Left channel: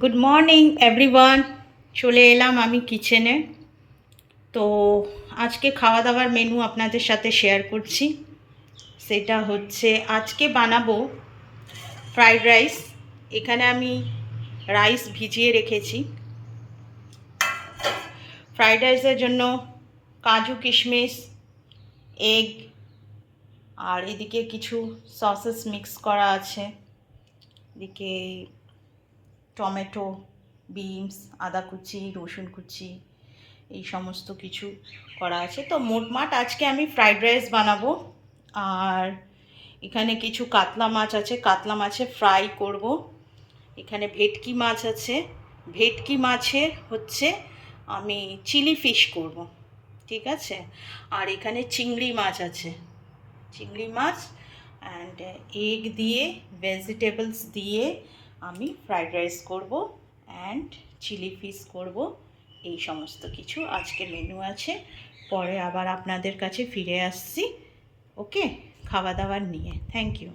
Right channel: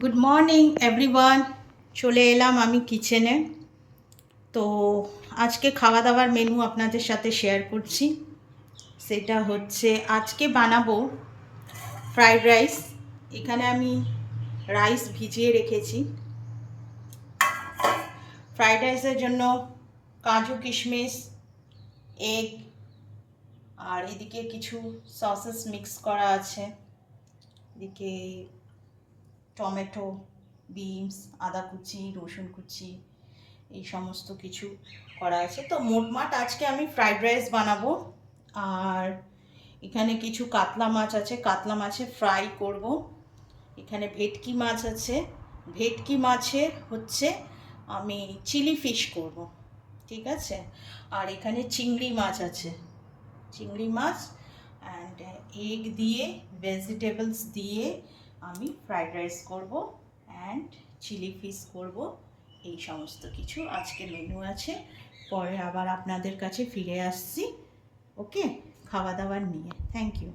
Good morning everyone. চলে এলাম আমি কিচেনে। তো আজকে খাওয়া দাওয়ার মেনু আপনাদের সাথে শেয়ার করছি। সেটা হচ্ছে আজকে বানাবো ফ্রাইড রাইস। এখানে আমি রাইস ভিজিয়ে রেখেছি। ফ্রাইড রাইসের জন্য কাজু কিশমিশ, এগ, আর এদিকে কিছু সসেস মিক্স করা আছে। এদিকে টমেটো, বিনস, আদা কুচি, রসুন কুচি, এই সমস্ত কিছু করা আছে। তো মোটমাট আজকে আমি ফ্রাইড রাইস বানাবো। আর এখানে কিছু কাতলা মাছ আছে, কাতলা মাছের ফ্রাই করব। এখানে ভেটকি মাছ আছে, ভেটকি মাছের হচ্ছে আমি চিলি ফিশ করব, ঠিক আছে। আর এখানে চিংড়ি মাছ আছে, চিংড়ি মাছ অ্যান্ড এগ দিয়ে, ভেজিটেবলস দিয়ে আমি ফ্রাইড রাইস করব অ্যান্ড চিলি ফিশ করব। এই সমস্ত কিছু আজকে মেনু আছে। পরে আবার আপনাদের কাছে ফিরে আসছি, ওকে, খাওয়া দাওয়ার নিয়ে। Thank you.